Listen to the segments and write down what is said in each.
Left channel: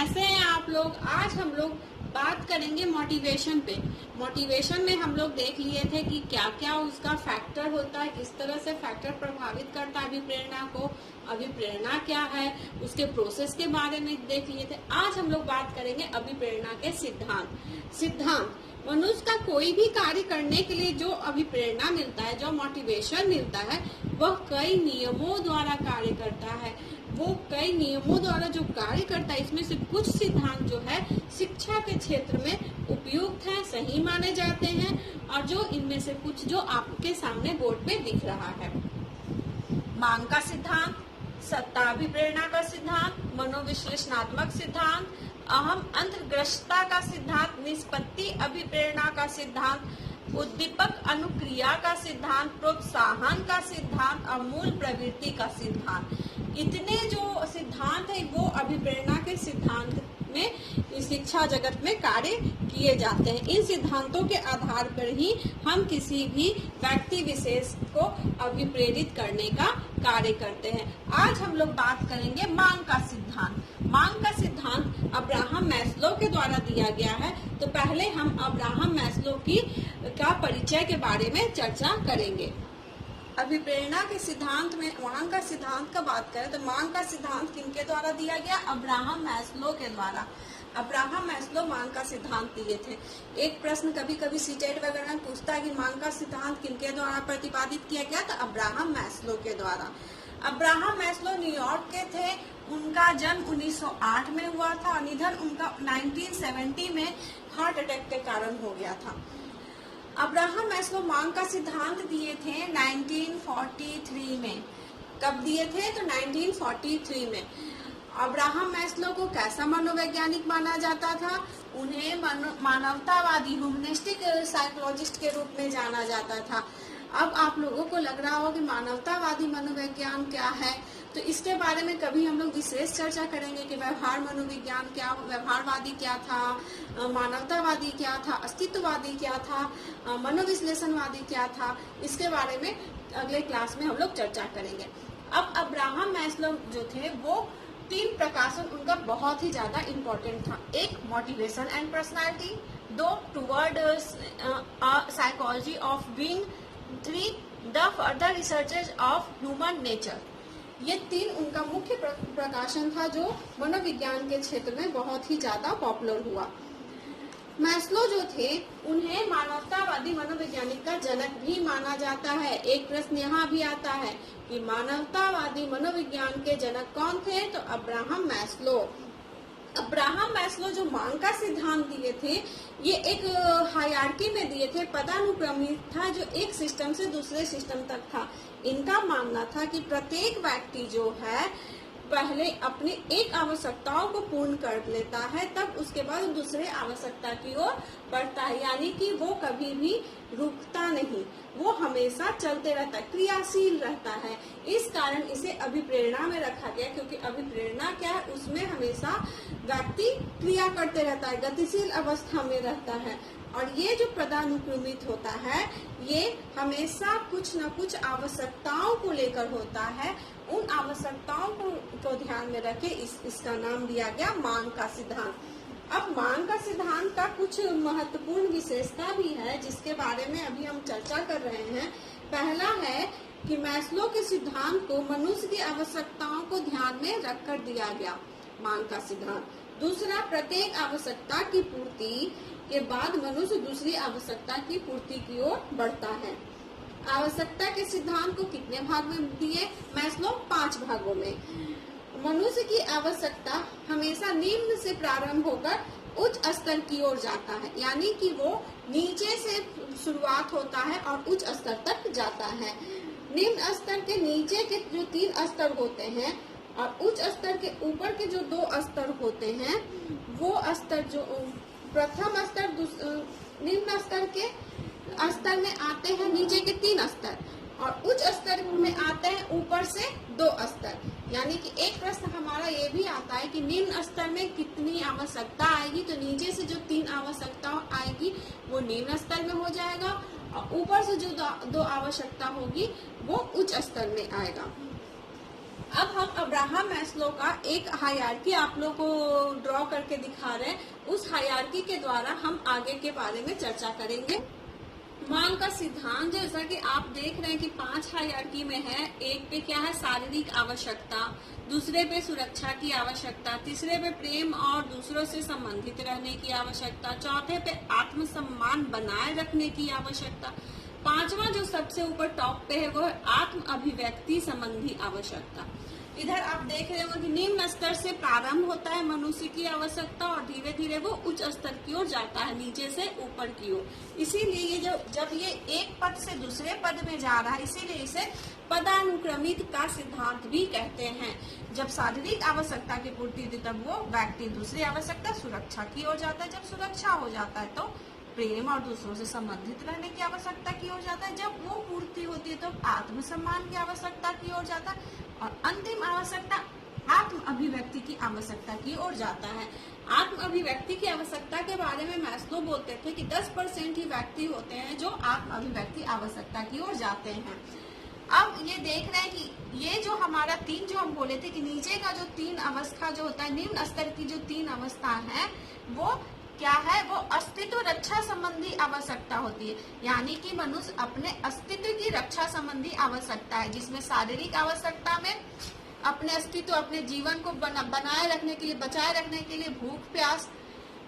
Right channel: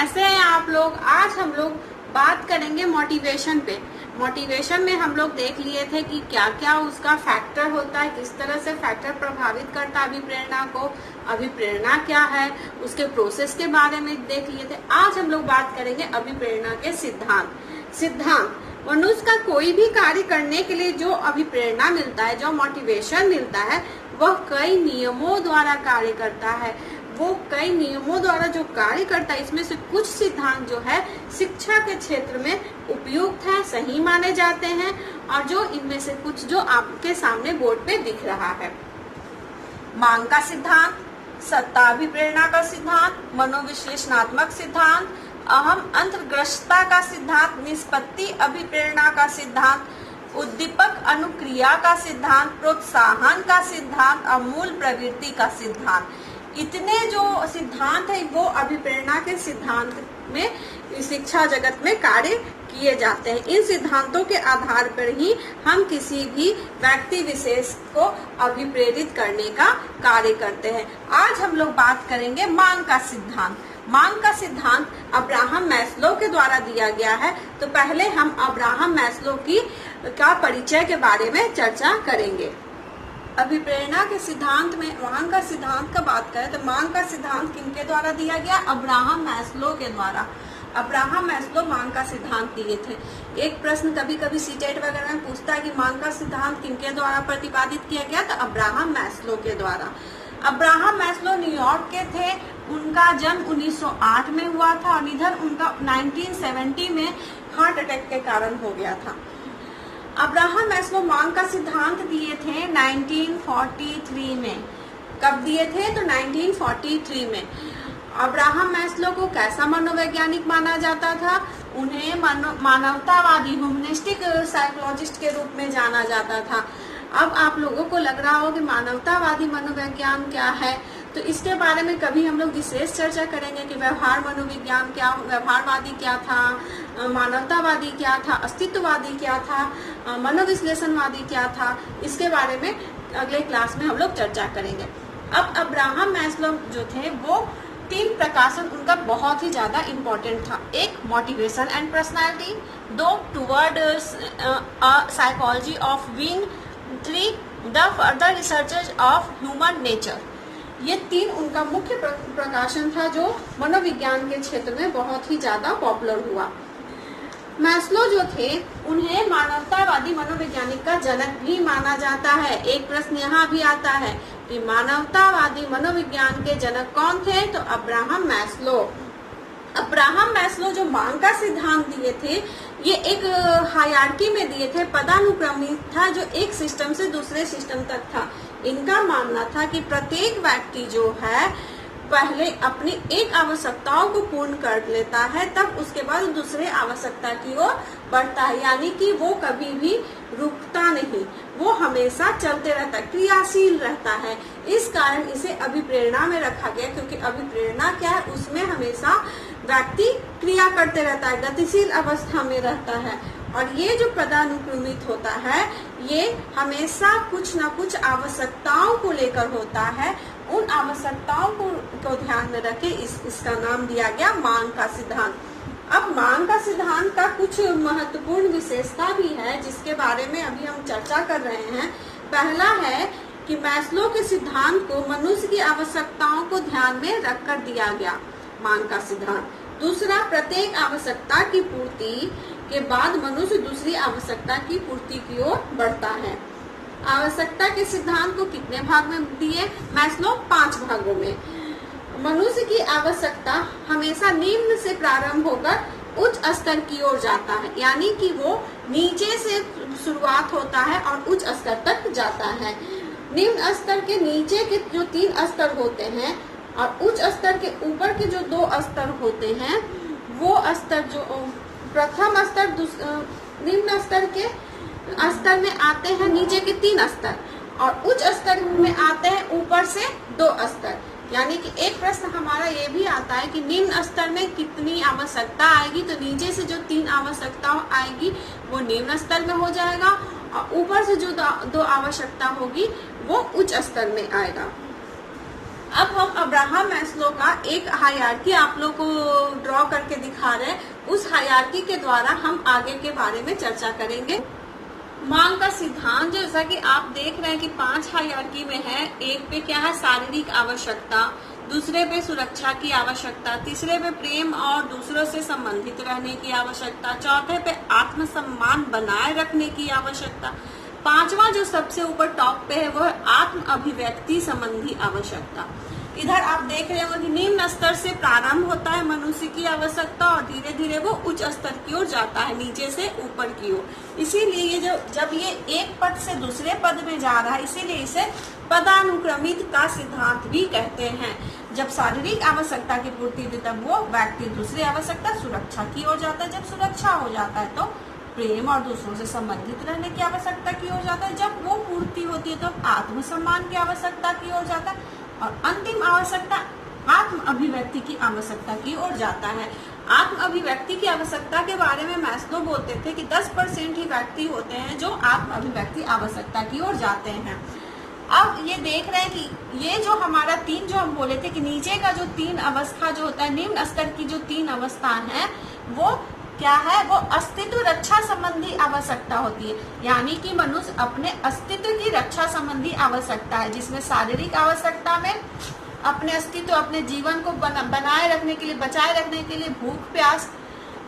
कैसे हैं आप लोग। आज हम लोग बात करेंगे मोटिवेशन पे। मोटिवेशन में हम लोग देख लिए थे कि क्या क्या उसका फैक्टर होता है, किस तरह से फैक्टर प्रभावित करता है अभिप्रेरणा को, अभिप्रेरणा क्या है, उसके प्रोसेस के बारे में देख लिए थे। आज हम लोग बात करेंगे अभिप्रेरणा के सिद्धांत। मनुष्य का कोई भी कार्य करने के लिए जो अभिप्रेरणा मिलता है, जो मोटिवेशन मिलता है, वह कई नियमों द्वारा कार्य करता है। वो कई नियमों द्वारा जो कार्य करता है, इसमें से कुछ सिद्धांत जो है शिक्षा के क्षेत्र में उपयुक्त है, सही माने जाते हैं, और जो इनमें से कुछ जो आपके सामने बोर्ड पे दिख रहा है। मांग का सिद्धांत, सत्ता अभिप्रेरणा का सिद्धांत, मनोविश्लेषणात्मक सिद्धांत, अहम अंतर्ग्रस्तता का सिद्धांत, निष्पत्ति अभिप्रेरणा का सिद्धांत, उद्दीपक अनुक्रिया का सिद्धांत, प्रोत्साहन का सिद्धांत और मूल प्रवृत्ति का सिद्धांत। इतने जो सिद्धांत है वो अभिप्रेरणा के सिद्धांत में शिक्षा जगत में कार्य किए जाते हैं। इन सिद्धांतों के आधार पर ही हम किसी भी व्यक्ति विशेष को अभिप्रेरित करने का कार्य करते हैं। आज हम लोग बात करेंगे मांग का सिद्धांत। मांग का सिद्धांत अब्राहम मैस्लो के द्वारा दिया गया है। तो पहले हम अब्राहम मैस्लो का परिचय के बारे में चर्चा करेंगे। अभिप्रेरणा के सिद्धांत में मांग का सिद्धांत का बात करें तो मांग का सिद्धांत किनके द्वारा दिया गया? अब्राहम मैस्लो के द्वारा। अब्राहम मैस्लो मांग का सिद्धांत दिए थे। एक प्रश्न कभी कभी सीटेट वगैरह में पूछता है कि मांग का सिद्धांत किनके द्वारा प्रतिपादित किया गया, तो अब्राहम मैस्लो के द्वारा। अब्राहम मैस्लो न्यूयॉर्क के थे। उनका जन्म 1908 में हुआ था और निधन उनका 1970 में हार्ट अटैक के कारण हो गया था। अब्राहम मैस्लो मांग का सिद्धांत दिए थे 1943 में। कब दिए थे? तो 1943 में। अब्राहम मैस्लो को कैसा मनोवैज्ञानिक माना जाता था? उन्हें मानवतावादी ह्यूमनिस्टिक साइकोलॉजिस्ट के रूप में जाना जाता था। अब आप लोगों को लग रहा हो कि मानवतावादी मनोविज्ञान क्या है, तो इसके बारे में कभी हम लोग विशेष चर्चा करेंगे कि व्यवहार मनोविज्ञान क्या, व्यवहारवादी क्या था, मानवतावादी क्या था, अस्तित्ववादी क्या था, मनोविश्लेषणवादी क्या था। इसके बारे में अगले क्लास में हम लोग चर्चा करेंगे। अब अब्राहम मैस्लो जो थे वो 3 प्रकाशन उनका बहुत ही ज्यादा इम्पोर्टेंट था। एक motivation and personality, 2 toward psychology of being, 3 the further researches of human nature. ये 3 उनका मुख्य प्रकाशन था जो मनोविज्ञान के क्षेत्र में बहुत ही ज्यादा पॉपुलर हुआ। मैस्लो जो थे उन्हें मानवतावादी मनोवैज्ञानिक का जनक भी माना जाता है। एक प्रश्न यहाँ भी आता है कि मानवतावादी मनोविज्ञान के जनक कौन थे? तो अब्राहम मैस्लो। अब्राहम मैस्लो जो मांग का सिद्धांत दिए थे, ये एक हायरार्की में दिए थे, पदानुक्रमित था, जो एक सिस्टम से दूसरे सिस्टम तक था। इनका मानना था कि प्रत्येक व्यक्ति जो है पहले अपनी एक आवश्यकताओं को पूर्ण कर लेता है, तब उसके बाद दूसरे आवश्यकता की ओर बढ़ता है। यानी कि वो कभी भी रुकता नहीं, वो हमेशा चलते रहता है, क्रियाशील रहता है। इस कारण इसे अभिप्रेरणा में रखा गया, क्योंकि अभिप्रेरणा क्या है, उसमें हमेशा व्यक्ति क्रिया करते रहता है, गतिशील अवस्था में रहता है। और ये जो पदानुक्रमित होता है, ये हमेशा कुछ न कुछ आवश्यकताओं को लेकर होता है। उन आवश्यकताओं को ध्यान में रखे इसका नाम दिया गया मांग का सिद्धांत। अब मांग का सिद्धांत का कुछ महत्वपूर्ण विशेषता भी है, जिसके बारे में अभी हम चर्चा कर रहे हैं। पहला है कि मैस्लो के सिद्धांत को मनुष्य की आवश्यकताओं को ध्यान में रखकर दिया गया, मांग का सिद्धांत। दूसरा, प्रत्येक आवश्यकता की पूर्ति के बाद मनुष्य दूसरी आवश्यकता की पूर्ति की ओर बढ़ता है। आवश्यकता के सिद्धांत को कितने भाग में दिए मैस्लो? 5 भागों में। मनुष्य की आवश्यकता हमेशा निम्न से प्रारंभ होकर उच्च स्तर की ओर जाता है, यानी कि वो नीचे से शुरुआत होता है और उच्च स्तर तक जाता है। निम्न स्तर के नीचे के जो 3 स्तर होते हैं और उच्च स्तर के ऊपर के जो 2 स्तर होते हैं, वो स्तर जो प्रथम स्तर निम्न स्तर के स्तर में आते हैं नीचे के 3 स्तर, और उच्च स्तर में आते हैं ऊपर से 2 स्तर। यानी कि एक प्रश्न हमारा ये भी आता है कि निम्न स्तर में कितनी आवश्यकता आएगी, तो नीचे से जो 3 आवश्यकता आएगी वो निम्न स्तर में हो जाएगा, और ऊपर से जो 2 आवश्यकता होगी वो उच्च स्तर में आएगा। अब हम अब्राहम मैस्लो का एक हायरार्की आप लोग को ड्रॉ करके दिखा रहे हैं। उस हायरार्की के द्वारा हम आगे के बारे में चर्चा करेंगे। मांग का सिद्धांत जैसा कि आप देख रहे हैं कि 5 हायरार्की में है। एक पे क्या है, शारीरिक आवश्यकता, दूसरे पे सुरक्षा की आवश्यकता, तीसरे पे प्रेम और दूसरों से संबंधित रहने की आवश्यकता, चौथे पे आत्मसम्मान बनाए रखने की आवश्यकता, पांचवा जो सबसे ऊपर टॉप पे है वो है आत्म अभिव्यक्ति संबंधी आवश्यकता। इधर आप देख रहे हो कि निम्न स्तर से प्रारंभ होता है मनुष्य की आवश्यकता और धीरे धीरे वो उच्च स्तर की ओर जाता है, नीचे से ऊपर की ओर। इसीलिए ये जब ये एक पद से दूसरे पद में जा रहा है, इसीलिए इसे पदानुक्रमित का सिद्धांत भी कहते हैं। जब शारीरिक आवश्यकता की पूर्ति होती तब वो व्यक्ति दूसरी आवश्यकता सुरक्षा की ओर जाता है। जब सुरक्षा हो जाता है तो प्रेम और दूसरों से संबंधित रहने की आवश्यकता की ओर जाता है। जब वो पूर्ति होती है तो आत्मसम्मान की आवश्यकता की ओर जाता है और अंतिम आवश्यकता आत्म अभिव्यक्ति की आवश्यकता की ओर जाता है। आत्म अभिव्यक्ति की आवश्यकता के बारे में मैस्लो बोलते थे कि 10% ही व्यक्ति होते हैं जो आत्म अभिव्यक्ति आवश्यकता की ओर जाते हैं। अब ये देख रहे हैं कि ये जो हमारा 3 जो हम बोले थे कि नीचे का जो 3 अवस्था जो होता है, निम्न स्तर की जो 3 अवस्था है वो क्या है, वो अस्तित्व रक्षा संबंधी आवश्यकता होती है। यानी कि मनुष्य अपने अस्तित्व की रक्षा संबंधी आवश्यकता है, जिसमें शारीरिक आवश्यकता में अपने अस्तित्व, अपने जीवन को बनाए रखने के लिए, बचाए रखने के लिए भूख प्यास,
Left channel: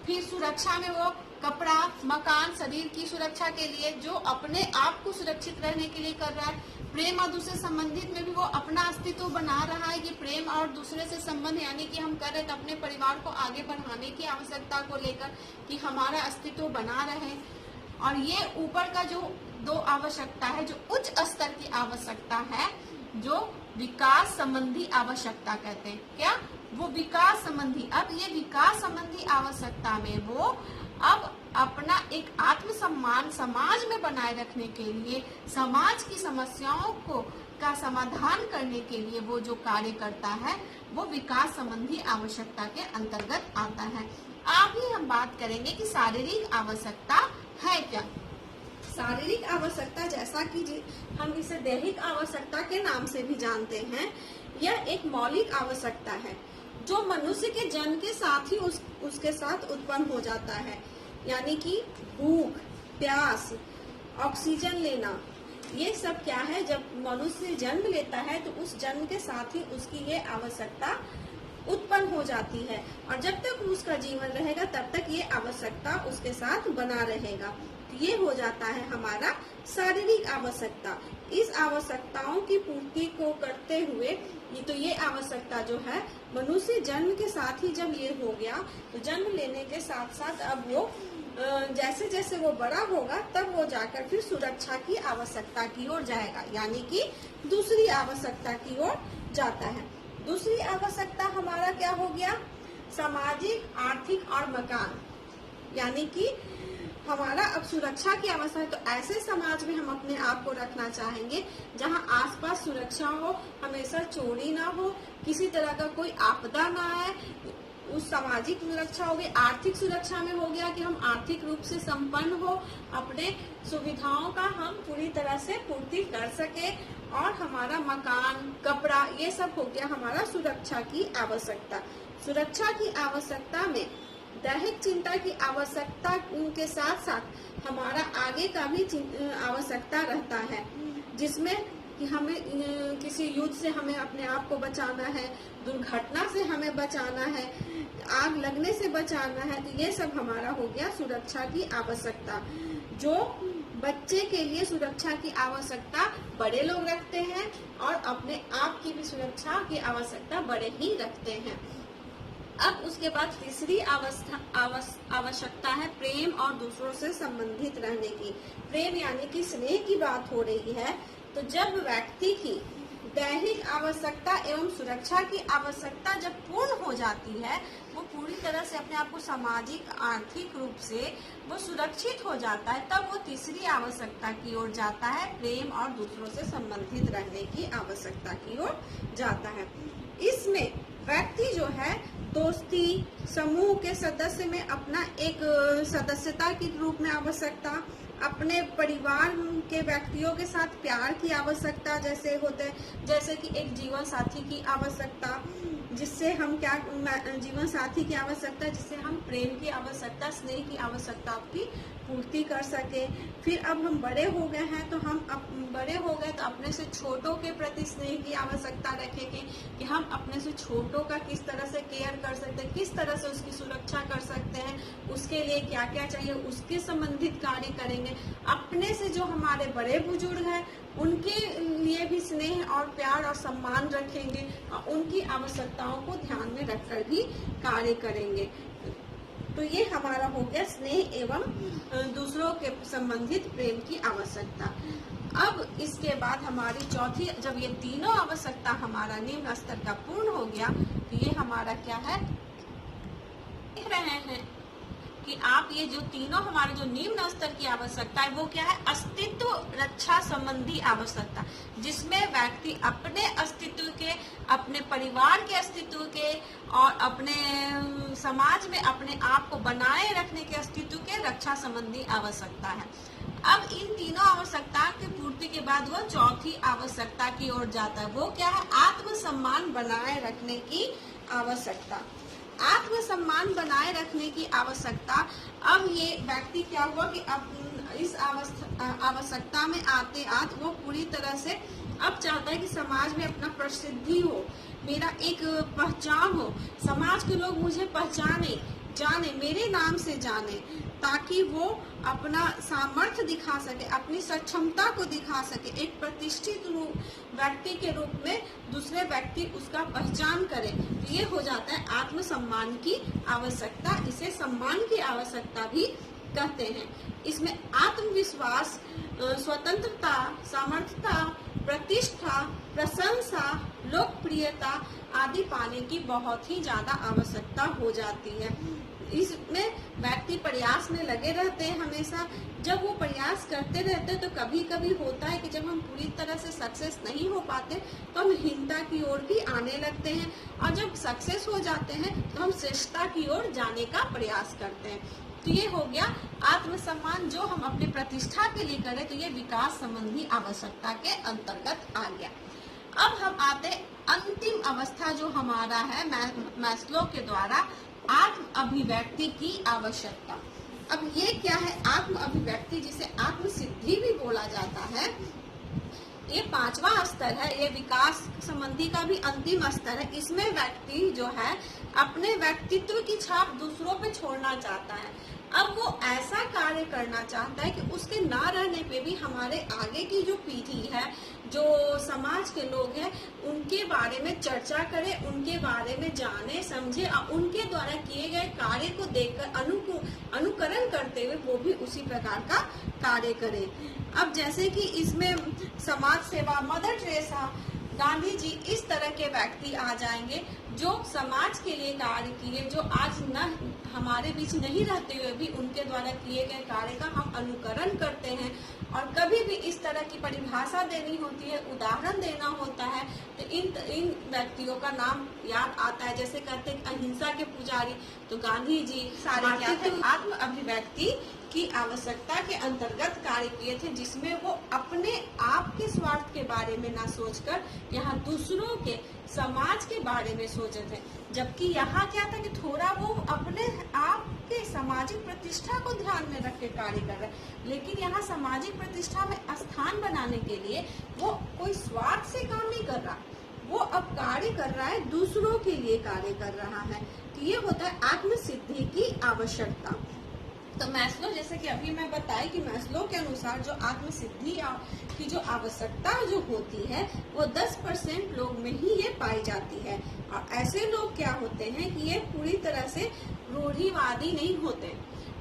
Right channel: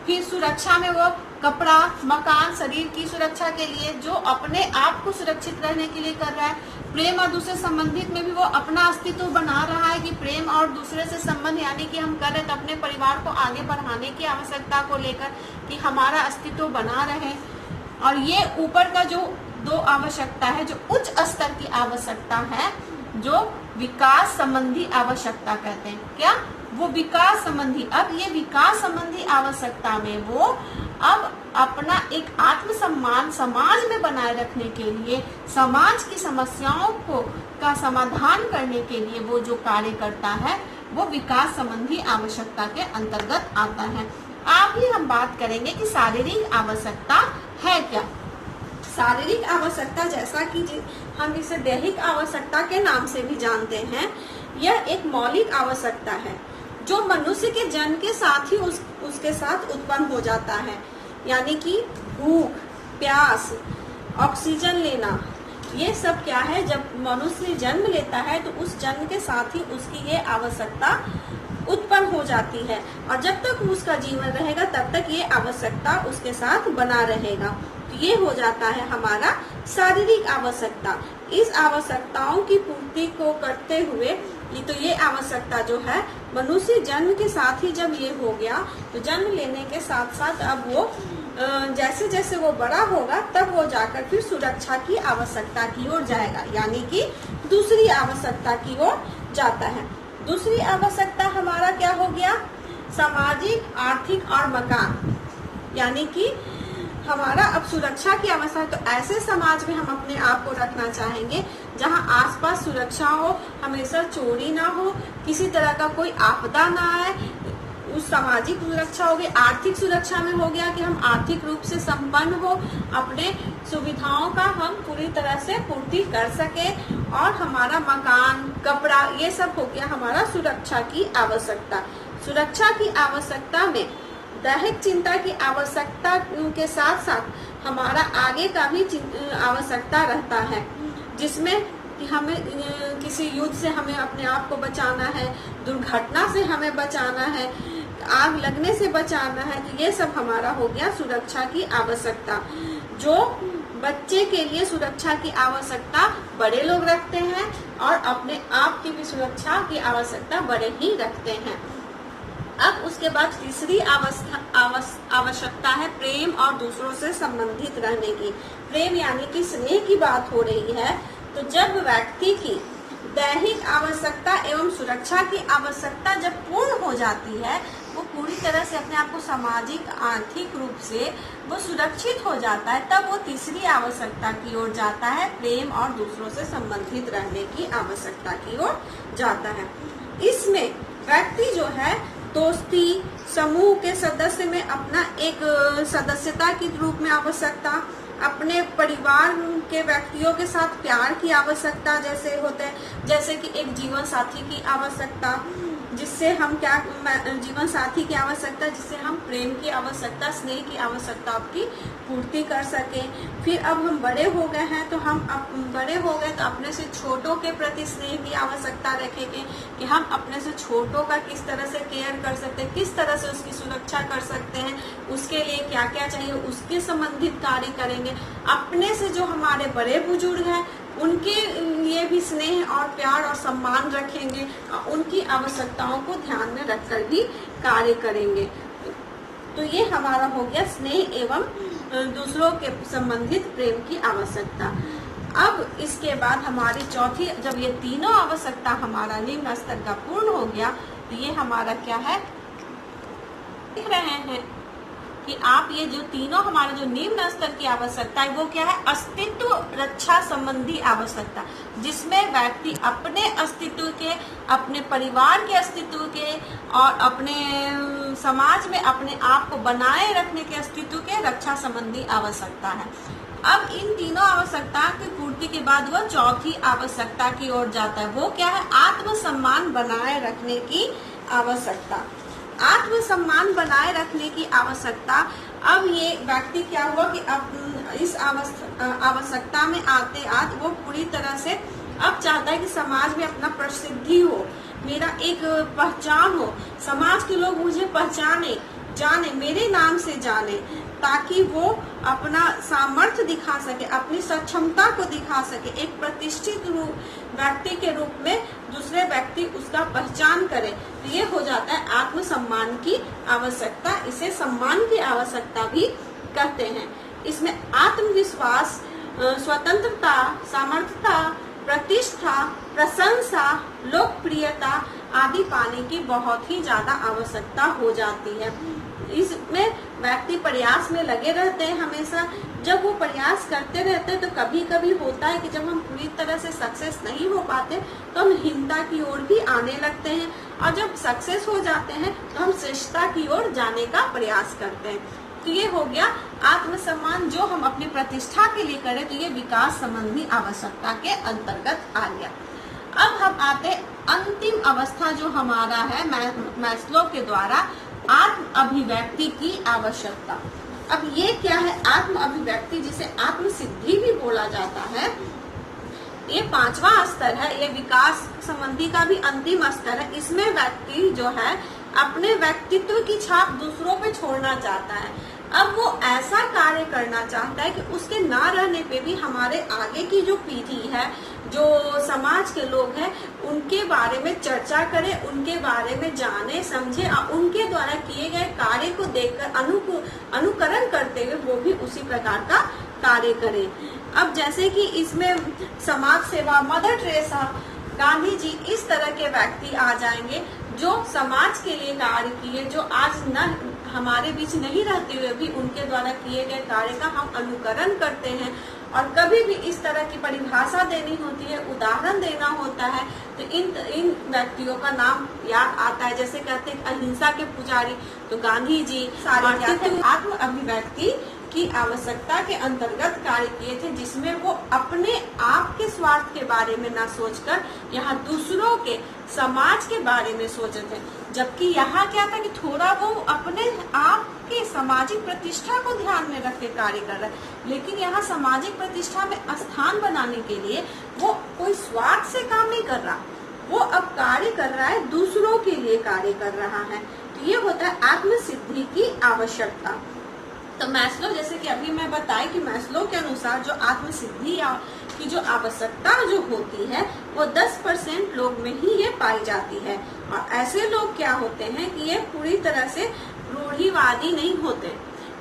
फिर सुरक्षा में वो कपड़ा, मकान, शरीर की सुरक्षा के लिए जो अपने आप को सुरक्षित रहने के लिए कर रहा है। प्रेम और दूसरे संबंधित में भी वो अपना अस्तित्व बना रहा है कि प्रेम और दूसरे से संबंध यानी कि हम कर रहे तो अपने परिवार को आगे बढ़ाने की आवश्यकता को लेकर कि हमारा अस्तित्व बना रहे। और ये ऊपर का जो 2 आवश्यकता है जो उच्च स्तर की आवश्यकता है, जो विकास संबंधी आवश्यकता कहते हैं। क्या, वो विकास संबंधी। अब ये विकास संबंधी आवश्यकता में वो अब अपना एक आत्मसम्मान समाज में बनाए रखने के लिए, समाज की समस्याओं को का समाधान करने के लिए वो जो कार्य करता है वो विकास संबंधी आवश्यकता के अंतर्गत आता है। आगे हम बात करेंगे कि शारीरिक आवश्यकता है क्या। शारीरिक आवश्यकता जैसा कि हम इसे दैहिक आवश्यकता के नाम से भी जानते हैं, यह एक मौलिक आवश्यकता है जो मनुष्य के जन्म के साथ ही उसके साथ उत्पन्न हो जाता है। यानी कि भूख, प्यास, ऑक्सीजन लेना, ये सब क्या है, जब मनुष्य जन्म लेता है तो उस जन्म के साथ ही उसकी ये आवश्यकता उत्पन्न हो जाती है और जब तक उसका जीवन रहेगा तब तक ये आवश्यकता उसके साथ बना रहेगा। तो ये हो जाता है हमारा शारीरिक आवश्यकता। इस आवश्यकताओं की पूर्ति को करते हुए ये आवश्यकता जो है मनुष्य जन्म के साथ ही जब ये हो गया तो जन्म लेने के साथ साथ अब वो जैसे जैसे वो बड़ा होगा तब वो जाकर फिर सुरक्षा की आवश्यकता की ओर जाएगा, यानी कि दूसरी आवश्यकता की ओर जाता है। दूसरी आवश्यकता हमारा क्या हो गया, सामाजिक, आर्थिक और मकान। यानी कि हमारा अब सुरक्षा की आवश्यकता, तो ऐसे समाज में हम अपने आप को रखना चाहेंगे जहां आसपास सुरक्षा हो, हमेशा चोरी ना हो, किसी तरह का कोई आपदा ना आए। उस सामाजिक सुरक्षा हो गई। आर्थिक सुरक्षा में हो गया कि हम आर्थिक रूप से संपन्न हो, अपने सुविधाओं का हम पूरी तरह से पूर्ति कर सके और हमारा मकान, कपड़ा, ये सब हो गया हमारा सुरक्षा की आवश्यकता। सुरक्षा की आवश्यकता में दैहिक चिंता की आवश्यकता के साथ साथ हमारा आगे का भी आवश्यकता रहता है, जिसमें कि हमें किसी युद्ध से हमें अपने आप को बचाना है, दुर्घटना से हमें बचाना है, आग लगने से बचाना है। तो ये सब हमारा हो गया सुरक्षा की आवश्यकता। जो बच्चे के लिए सुरक्षा की आवश्यकता बड़े लोग रखते हैं और अपने आप की भी सुरक्षा की आवश्यकता बड़े ही रखते हैं। अब उसके बाद तीसरी आवश्यकता है प्रेम और दूसरों से संबंधित रहने की। प्रेम यानी कि स्नेह की बात हो रही है। तो जब व्यक्ति की दैहिक आवश्यकता एवं सुरक्षा की आवश्यकता जब पूर्ण हो जाती है, वो पूरी तरह से अपने आप को सामाजिक, आर्थिक रूप से वो सुरक्षित हो जाता है, तब वो तीसरी आवश्यकता की ओर जाता है, प्रेम और दूसरों से संबंधित रहने की आवश्यकता की ओर जाता है। इसमें व्यक्ति जो है दोस्ती समूह के सदस्य में अपना एक सदस्यता के रूप में आवश्यकता, अपने परिवार के व्यक्तियों के साथ प्यार की आवश्यकता जैसे होते हैं, जैसे कि एक जीवन साथी की आवश्यकता, जिससे हम क्या जीवन साथी की आवश्यकता जिससे हम प्रेम की आवश्यकता, स्नेह की आवश्यकता की पूर्ति कर सकें। फिर अब हम बड़े हो गए हैं तो बड़े हो गए तो अपने से छोटों के प्रति स्नेह की आवश्यकता रखेंगे कि हम अपने से छोटों का किस तरह से केयर कर सकते हैं, किस तरह से उसकी सुरक्षा कर सकते हैं, उसके लिए क्या क्या चाहिए उसके संबंधित कार्य करेंगे। अपने से जो हमारे बड़े बुजुर्ग हैं उनके लिए भी स्नेह और प्यार और सम्मान रखेंगे, उनकी आवश्यकताओं को ध्यान में रखकर भी कार्य करेंगे। तो ये हमारा हो गया स्नेह एवं दूसरों के संबंधित प्रेम की आवश्यकता। अब इसके बाद हमारी चौथी, जब ये तीनों आवश्यकता हमारा निम्न स्तर का पूर्ण हो गया तो ये हमारा क्या है, देख रहे हैं कि आप ये जो तीनों हमारे जो निम्न स्तर की आवश्यकता है वो क्या है, अस्तित्व रक्षा संबंधी आवश्यकता, जिसमें व्यक्ति अपने अस्तित्व के, अपने परिवार के अस्तित्व के और अपने समाज में अपने आप को बनाए रखने के अस्तित्व के रक्षा संबंधी आवश्यकता है। अब इन तीनों आवश्यकता की पूर्ति के बाद वह चौथी आवश्यकता की ओर जाता है, वो क्या है, आत्मसम्मान बनाए रखने की आवश्यकता। आत्मसम्मान बनाए रखने की आवश्यकता। अब ये व्यक्ति क्या हुआ कि अब इस आवश्यकता में आते वो पूरी तरह से अब चाहता है कि समाज में अपना प्रसिद्धि हो, मेरा एक पहचान हो, समाज के लोग मुझे पहचाने, जाने, मेरे नाम से जाने, ताकि वो अपना सामर्थ्य दिखा सके, अपनी सक्षमता को दिखा सके, एक प्रतिष्ठित व्यक्ति के रूप में दूसरे व्यक्ति उसका पहचान करे। तो ये हो जाता है आत्मसम्मान की आवश्यकता। इसे सम्मान की आवश्यकता भी कहते हैं। इसमें आत्मविश्वास, स्वतंत्रता, सामर्थ्यता, प्रतिष्ठा, प्रशंसा, लोकप्रियता आदि पाने की बहुत ही ज्यादा आवश्यकता हो जाती है। इसमें व्यक्ति प्रयास में लगे रहते हैं हमेशा। जब वो प्रयास करते रहते हैं तो कभी कभी होता है कि जब हम पूरी तरह से सक्सेस नहीं हो पाते तो हम हीनता की ओर भी आने लगते हैं, और जब सक्सेस हो जाते हैं तो हम श्रेष्ठता की ओर जाने का प्रयास करते हैं। तो ये हो गया आत्मसम्मान, जो हम अपनी प्रतिष्ठा के लिए करें, तो ये विकास संबंधी आवश्यकता के अंतर्गत आ गया। अब हम आते अंतिम अवस्था जो हमारा है मैस्लो के द्वारा आत्म अभिव्यक्ति की आवश्यकता। अब ये क्या है, आत्म अभिव्यक्ति, जिसे आत्म सिद्धि भी बोला जाता है। ये पांचवा स्तर है, ये विकास संबंधी का भी अंतिम स्तर है। इसमें व्यक्ति जो है अपने व्यक्तित्व की छाप दूसरों पे छोड़ना चाहता है। अब वो ऐसा कार्य करना चाहता है कि उसके ना रहने पे भी हमारे आगे की जो पीढ़ी है, जो समाज के लोग हैं, उनके बारे में चर्चा करें, उनके बारे में जाने समझे, और उनके द्वारा किए गए कार्य को देखकर अनुकरण करते हुए वो भी उसी प्रकार का कार्य करें। अब जैसे कि इसमें समाज सेवा, मदर टेरेसा, गांधी जी, इस तरह के व्यक्ति आ जाएंगे जो समाज के लिए कार्य किए, जो आज न हमारे बीच नहीं रहते हुए भी उनके द्वारा किए गए कार्य का हम अनुकरण करते हैं। और कभी भी इस तरह की परिभाषा देनी होती है, उदाहरण देना होता है, तो इन व्यक्तियों का नाम याद आता है। जैसे कहते हैं अहिंसा के पुजारी, तो गांधी जी सारे आत्म अभिव्यक्ति की आवश्यकता के अंतर्गत कार्य किए थे, जिसमें वो अपने आप के स्वार्थ के बारे में न सोचकर यहाँ दूसरों के, समाज के बारे में सोचे थे। जबकि यहाँ क्या था कि थोड़ा वो अपने आप की सामाजिक प्रतिष्ठा को ध्यान में रख के कार्य कर रहा है, लेकिन यहाँ सामाजिक प्रतिष्ठा में स्थान बनाने के लिए वो कोई स्वार्थ से काम नहीं कर रहा, वो अब कार्य कर रहा है, दूसरों के लिए कार्य कर रहा है। तो ये होता है आत्म सिद्धि की आवश्यकता। तो मैस्लो, जैसे कि अभी मैं बताई कि मैस्लो के अनुसार जो आत्म सिद्धि की जो आवश्यकता जो होती है वो 10% लोग में ही ये पाई जाती है। और ऐसे लोग क्या होते हैं कि ये पूरी तरह से रूढ़िवादी नहीं होते,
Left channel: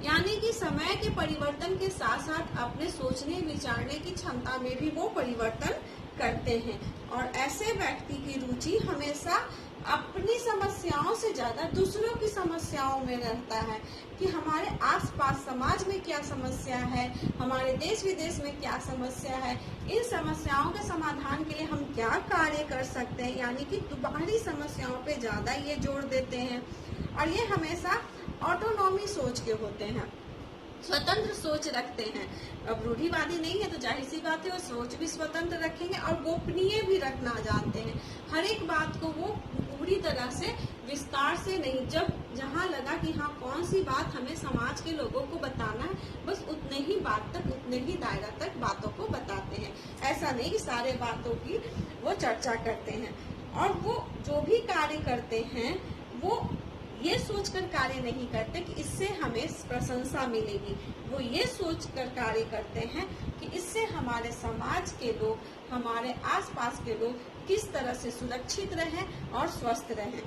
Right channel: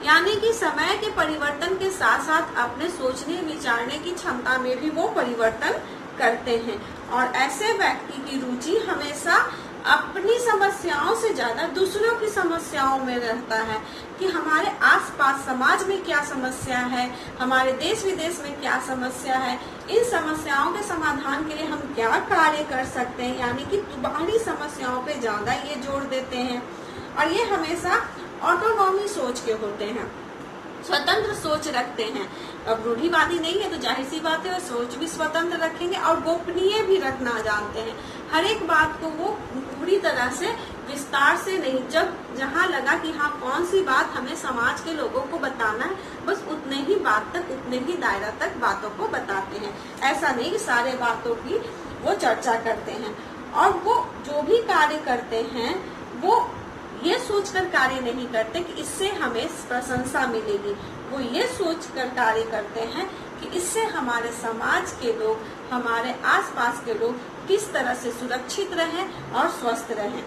यानी कि समय के परिवर्तन के साथ साथ अपने सोचने विचारने की क्षमता में भी वो परिवर्तन करते हैं। और ऐसे व्यक्ति की रुचि हमेशा अपनी समस्याओं से ज्यादा दूसरों की समस्याओं में रहता है, कि हमारे आसपास समाज में क्या समस्या है, हमारे देश विदेश में क्या समस्या है, इन समस्याओं के समाधान के लिए हम क्या कार्य कर सकते हैं, यानी कि बाहरी समस्याओं पे ज्यादा ये जोर देते हैं। और ये हमेशा ऑटोनॉमी सोच के होते हैं, स्वतंत्र सोच रखते हैं। अब रूढ़िवादी नहीं है तो जाहिर सी बात है, सोच भी स्वतंत्र रखेंगे और गोपनीय भी रखना जानते हैं। हर एक बात को वो पूरी तरह से विस्तार से नहीं, जब जहाँ लगा कि हाँ कौन सी बात हमें समाज के लोगों को बताना है, बस उतने ही बात तक, उतने ही दायरा तक बातों को बताते हैं। ऐसा नहीं कि सारे बातों की वो चर्चा करते हैं। और वो जो भी कार्य करते हैं वो ये सोचकर कार्य नहीं करते कि इससे हमें प्रशंसा मिलेगी, वो ये सोचकर कार्य करते हैं कि इससे हमारे समाज के लोग, हमारे आसपास के लोग किस तरह से सुरक्षित रहें और स्वस्थ रहें।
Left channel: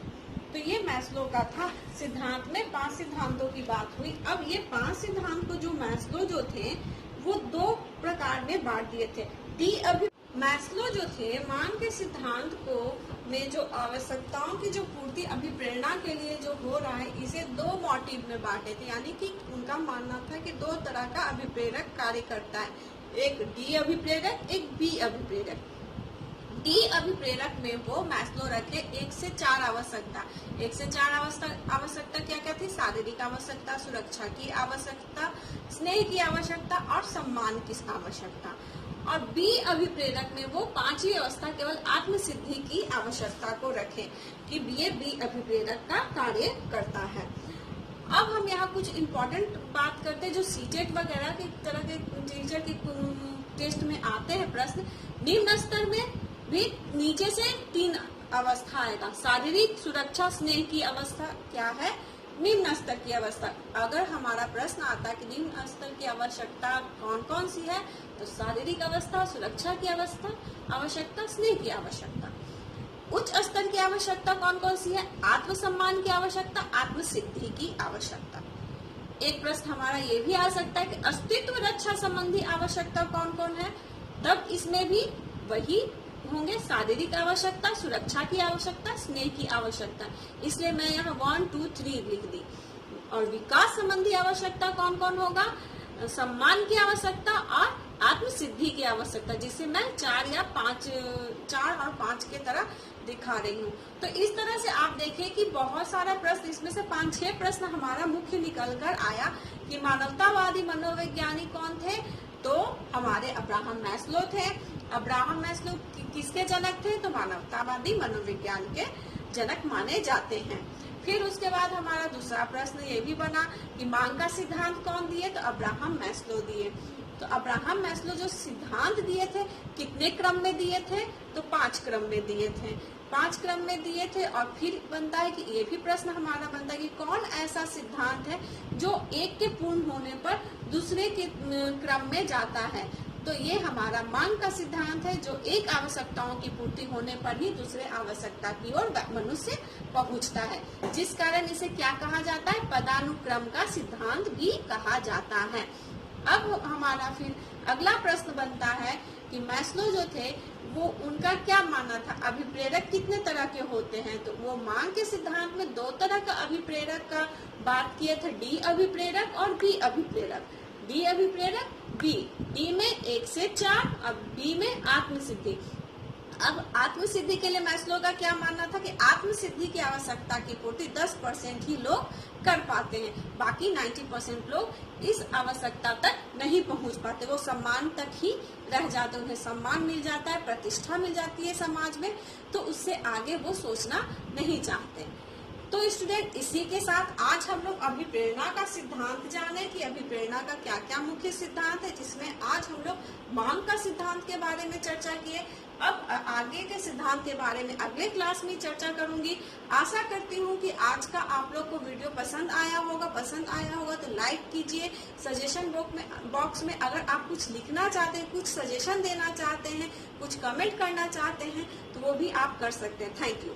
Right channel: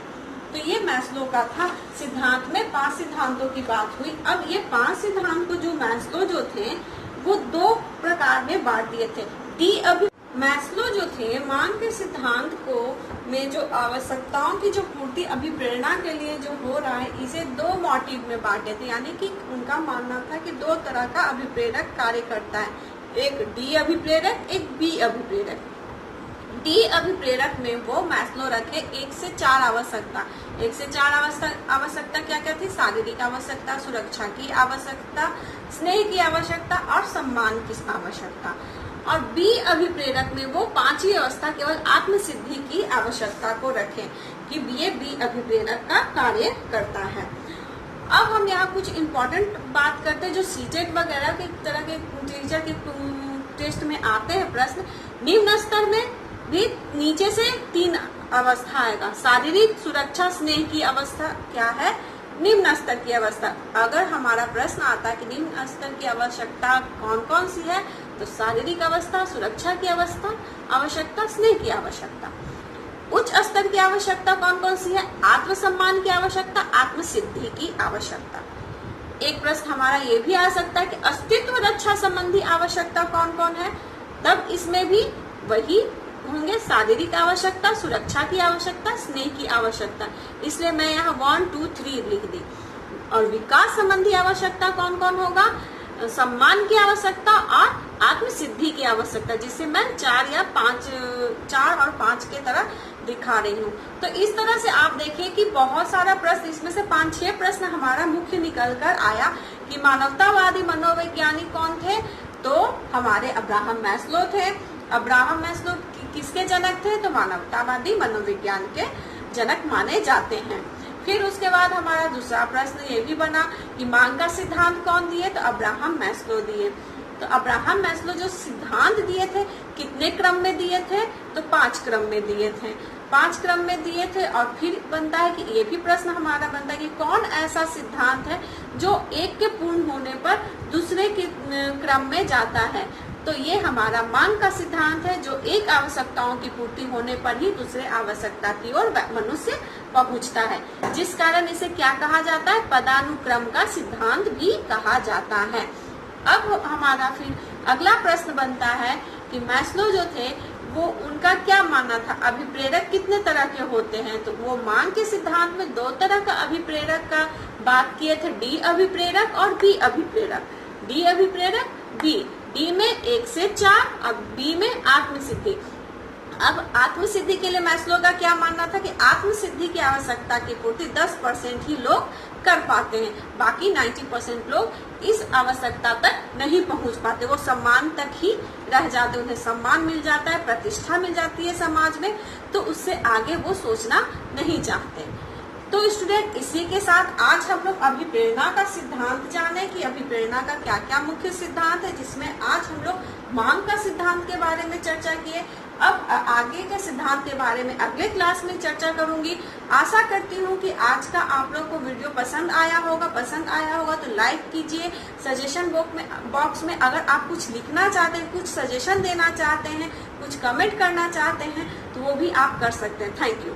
तो ये मैस्लो का था। सिद्धांत में 5 सिद्धांतों की बात हुई। अब ये 5 सिद्धांत को जो मैस्लो जो थे वो 2 प्रकार में बांट दिए थे। मैस्लो जो थे मांग के सिद्धांत को में जो आवश्यकताओं की जो पूर्ति अभिप्रेरणा के लिए जो हो रहा है, इसे 2 मोटिव में बांटे थे। यानी कि उनका मानना था कि 2 तरह का अभिप्रेरक कार्य करता है, एक डी अभिप्रेरक, एक बी अभिप्रेरक। डी अभिप्रेरक में वो मैस्लो रखे 1 से 4 आवश्यकता। 1 से 4 आवश्यकता क्या क्या थी? शारीरिक आवश्यकता, सुरक्षा की आवश्यकता, स्नेह की आवश्यकता और सम्मान की आवश्यकता। और बी अभिप्रेरक में वो 5 ही अवस्था केवल आत्म सिद्धि की आवश्यकता को रखें कि ये बी अभिप्रेरक का कार्य करता है। अब हम यहाँ कुछ इम्पोर्टेंट बात करते हैं जो सीटेट वगैरह के तरह के टीचर के टेस्ट में आते हैं प्रश्न। निम्न स्तर में भी नीचे से 3 अवस्था आएगा। शारीरिक, सुरक्षा, स्नेह की अवस्था क्या है? निम्न स्तर की अवस्था। अगर हमारा प्रश्न आता है कि निम्न स्तर की आवश्यकता कौन कौन सी है, तो शारीरिक अवस्था, सुरक्षा की आवश्यकता, स्नेह की आवश्यकता। उच्च स्तर की आवश्यकता कौन कौन सी है? आत्मसम्मान की आवश्यकता, आत्म सिद्धि की आवश्यकता। एक प्रश्न हमारा ये भी आ सकता है कि अस्तित्व रक्षा संबंधी आवश्यकता कौन कौन है? तब इसमें भी वही होंगे, शारीरिक आवश्यकता, सुरक्षा की आवश्यकता, स्नेह की आवश्यकता। इसलिए मैं यहाँ 1, 2, 3 लिख दी। और विकास संबंधी आवश्यकता कौन कौन होगा? सम्मान की आवश्यकता और आत्म सिद्धि की आवश्यकता, जिसे मैं 4 और 5 के तरह दिखा रही हूँ। तो इस तरह से आप देखिए कि बहुत सारा प्रश्न, इसमें से 5-6 प्रश्न हमारा मुख्य निकल कर आया कि मानवतावादी मनोवैज्ञानिक कौन थे? तो हमारे अब्राहम मैस्लो थे। अब्राहम मैस्लो किसके जनक थे? तो मानवतावादी मनोविज्ञान के जनक माने जाते हैं। फिर उसके बाद हमारा दूसरा प्रश्न ये भी बना कि मांग का सिद्धांत कौन दिए? तो अब्राहम मैस्लो दिए। तो अब्राहम मैस्लो जो सिद्धांत दिए थे कितने क्रम में दिए थे? तो 5 क्रम में दिए थे। 5 क्रम में दिए थे। और फिर बनता है कि ये भी प्रश्न हमारा बनता है कि कौन ऐसा सिद्धांत है जो एक के पूर्ण होने पर दूसरे के क्रम में जाता है? तो ये हमारा मांग का सिद्धांत है, जो एक आवश्यकताओं की पूर्ति होने पर ही दूसरे आवश्यकता की ओर मनुष्य पहुंचता है, जिस कारण इसे क्या कहा जाता है? पदानुक्रम का सिद्धांत भी कहा जाता है। अब हमारा फिर अगला प्रश्न बनता है कि मैस्लो जो थे वो उनका क्या मानना था? अभिप्रेरक कितने तरह के होते हैं? तो वो मांग के सिद्धांत में 2 तरह का अभिप्रेरक का बात किए थे, डी अभिप्रेरक और बी अभिप्रेरक। डी अभिप्रेरक, डी में 1 से 4 और बी में आत्मसिद्धि। अब आत्मसिद्धि के लिए मैस्लो का क्या मानना था कि आत्मसिद्धि की आवश्यकता की पूर्ति 10% ही लोग कर पाते हैं, बाकी 90% लोग इस आवश्यकता तक नहीं पहुंच पाते। वो सम्मान तक ही रह जाते, उन्हें सम्मान मिल जाता है, प्रतिष्ठा मिल जाती है समाज में, तो उससे आगे वो सोचना नहीं चाहते। तो स्टूडेंट, इसी के साथ आज हम लोग अभिप्रेरणा का सिद्धांत जाने कि अभिप्रेरणा का क्या क्या मुख्य सिद्धांत है, जिसमें आज हम लोग मांग का सिद्धांत के बारे में चर्चा किए। अब आगे के सिद्धांत के बारे में अगले क्लास में चर्चा करूंगी। आशा करती हूँ कि आज का आप लोग को वीडियो पसंद आया होगा तो लाइक कीजिए। सजेशन बॉक्स में अगर आप कुछ लिखना चाहते हैं, कुछ सजेशन देना चाहते हैं, कुछ कमेंट करना चाहते हैं, तो वो भी आप कर सकते हैं। Thank you.